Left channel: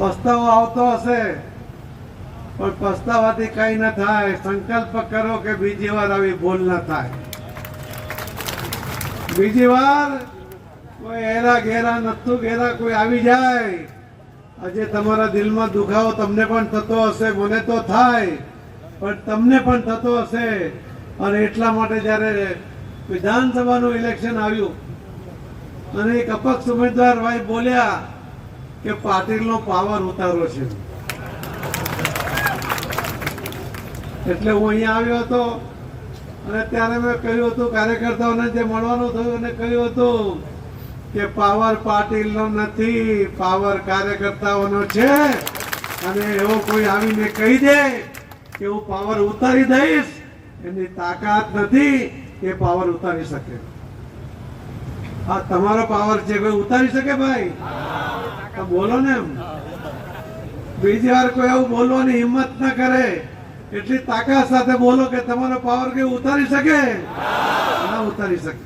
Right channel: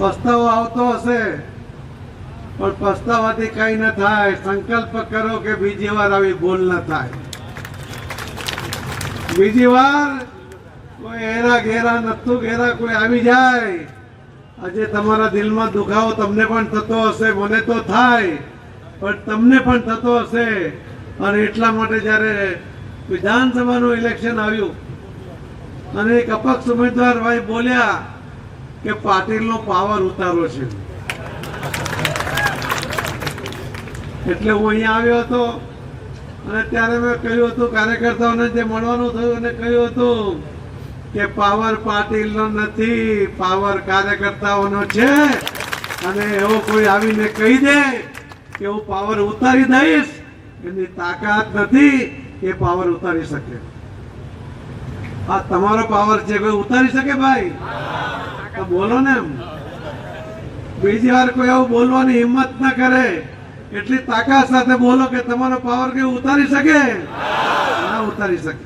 પસ્તાવો આવતો હશે, પણ પસ્તાવાથી કઈ ન થાય. સંકલ્પ કરો કે બીજી વાર આવી ભૂલ ન થાય. બીજી વાર કોઈ હેરા ઘેરા નતું ઘેરા કોઈ આવી જાય. આજે તમારા દિલમાં દુખાવો તમને પણ થતો હશે, મને તો થાય, પણ તમને પણ થતો હશે. અને એટલા માટે જ્યારે વિધાનસભાનું ઇલેક્શન આવ્યું, અને એક અપક્ષ ઉમેદવાર ભાઈ બોલ્યા કે પાટીલનો પાવર ઉતારો છે. એટલે હું અહીંયા આવ્યો હતો અને ત્યારે મેં કહ્યું હતું, કાર્યકર્તાઓને જે મળવાનું થયું અને કહ્યું હતું કે પાવર પાટીલનો નથી પાવર કાર્યકર્તાઓનો છે. અને એવો કોઈ આવીને કહી દે કે હું પાવર ઉતારી દઈશ, એની તાકાત નથી એ પાવર ઉતારી શકે. આ તમારો પાવર છે કોઈ ઉતારી શકે ભાઈ? બોલો ને બીજી વાર કોઈ એવું બોલવાની હિંમત ના કરે. એટલી તાકાત સાથે બોલો કે તમારો પાવર કે ઉતારી શકે? ના ઉતારી શકે.